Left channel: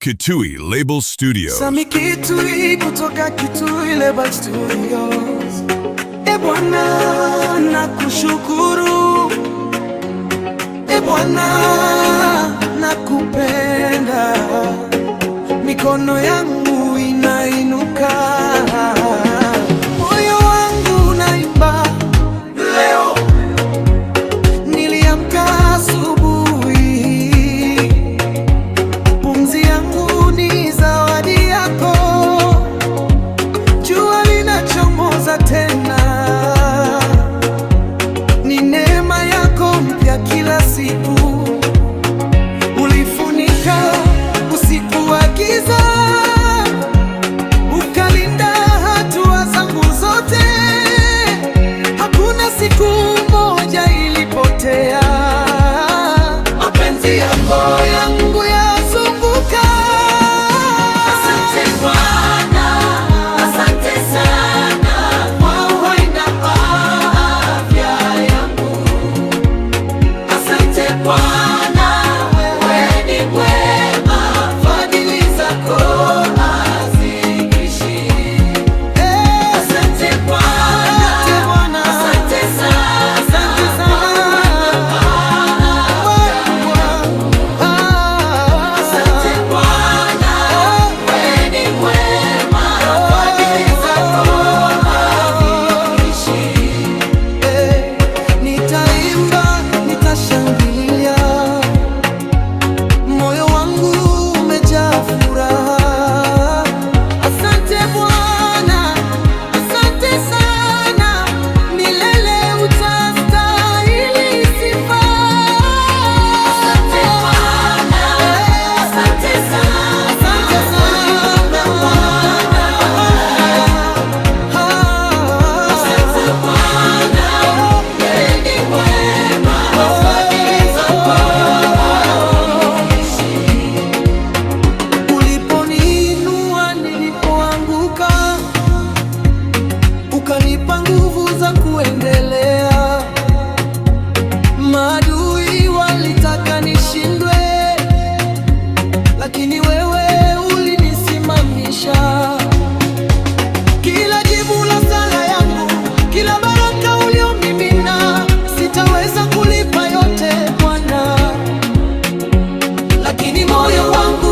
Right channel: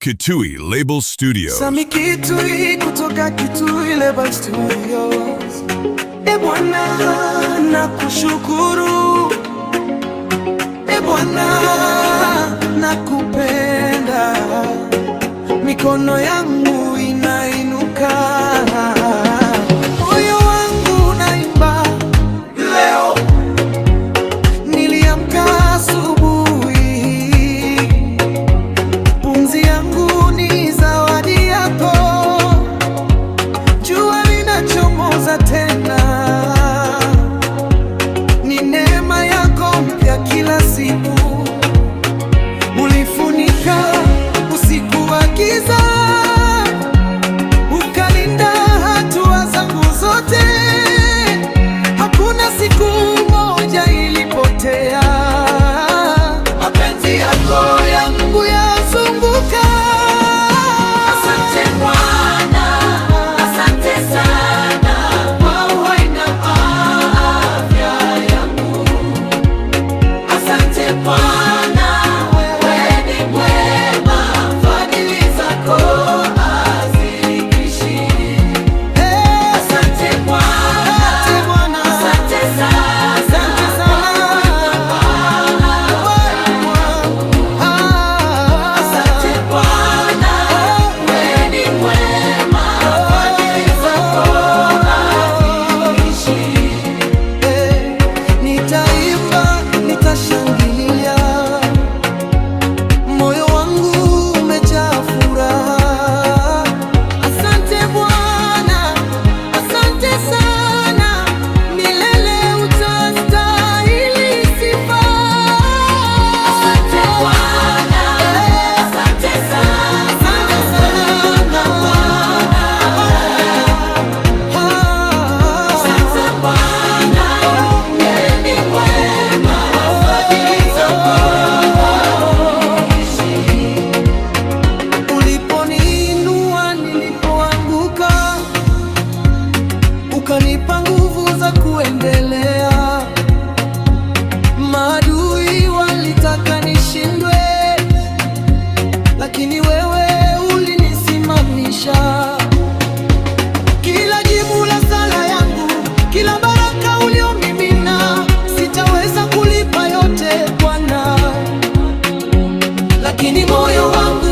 Kitui Label Studios. Sami Kitui kutoka Kitui Label Studios. E Bwana nakushukuru, e Bwana nakupenda, mikono yangu inainuka, moyo wangu unaimba. Leo niliamka asubuhi, pumzi yangu ni zawadi yako, jua linachomoza tena, ni neema yako mpya kila siku. Ulifunika usiku wa giza, ukalinda hatua zangu zote, hakuna siku moja ilipotea. Mapenzi yako yangu yazunguka. Asante Bwana, asante sana kwa uhai na afya yangu. Asante Bwana, wewe ni mwema, fadhili zako haziishi. Asante Bwana, asante sana, Asante sana. asante Bwana, wewe ni mwema, fadhili zako haziishi. Nitaimba, nitashangilia, moyo wangu umejaa furaha. Asante Bwana, asante sana, milele utastahili sifa. Asante Bwana, asante sana, Asante sana. asante Bwana, wewe ni mwema, fadhili zako haziishi. Uliponiinua nilipoanguka, ukanipa nguvu za kuendelea. Maadui walitaka nishindwe, lakini wewe ulinisimamisha. Kila jibu la sala yangu, kila baraka uliomimina, sitaweza kulipa yote Bwana, lakini moyo wangu